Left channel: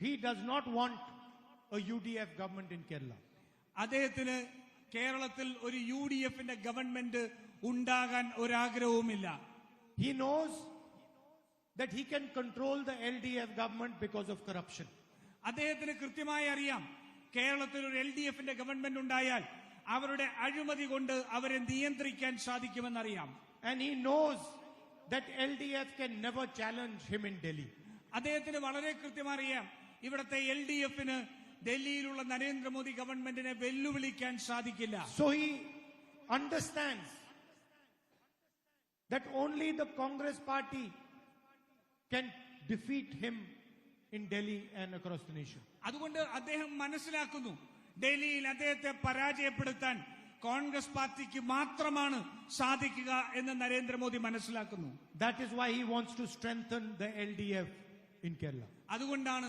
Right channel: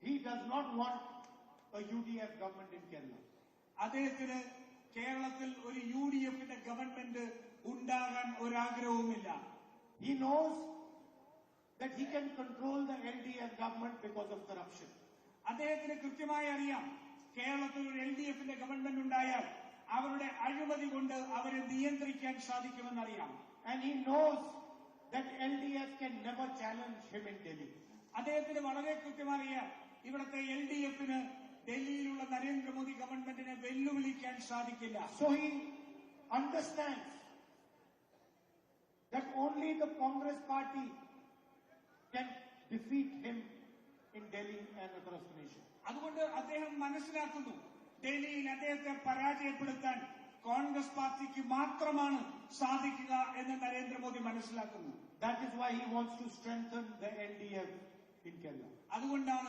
He does not want a UDF government in Kerala. അദ്ദേഹത്തിന് കേരളത്തിൽ ഒരു യുഡിഎഫിന്റെ ഗവൺമെന്റ് ഉണ്ടാകാൻ ഒരാഗ്രഹവുമില്ല. He knows that he can control the LDF government because of corruption. അദ്ദേഹത്തിന് കൃത്യമായി അറിയാം കേരളത്തിൽ ഒരു എൽഡിഎഫിന്റെ ഗവൺമെന്റ് ഉണ്ടായാൽ അവരുടെ അഴിമതി കൊണ്ട് അവരെ നിയന്ത്രിക്കാൻ സാധിക്കുമെന്നറിയാം. And he knows that LDF can never challenge him in Delhi. അദ്ദേഹത്തിന് വളരെ കൃത്യമായി അറിയാം ഇവിടുത്തെ എൽഡിഎഫിന് ഡൽഹിയിലുള്ള നരേന്ദ്രമോദി ഗവൺമെന്റിനെ വെല്ലുവിളിക്കാൻ സാധിക്കില്ല. So he understands that only the Congress party can defeat him in Delhi and across the nation. അതുകൊണ്ട് അദ്ദേഹം മനസ്സിലാക്കുന്നു ഡൽഹിയിൽ അദ്ദേഹത്തെ പരാജയപ്പെടുത്താൻ കോൺഗ്രസ് പാർട്ടിക്ക് മാത്രമാണ് സാധിക്കുക എന്ന് നരേന്ദ്രമോദി മനസ്സിലാക്കുന്നു. That is why he wants to strengthen the LDF in Kerala. അതുകൊണ്ടാണ്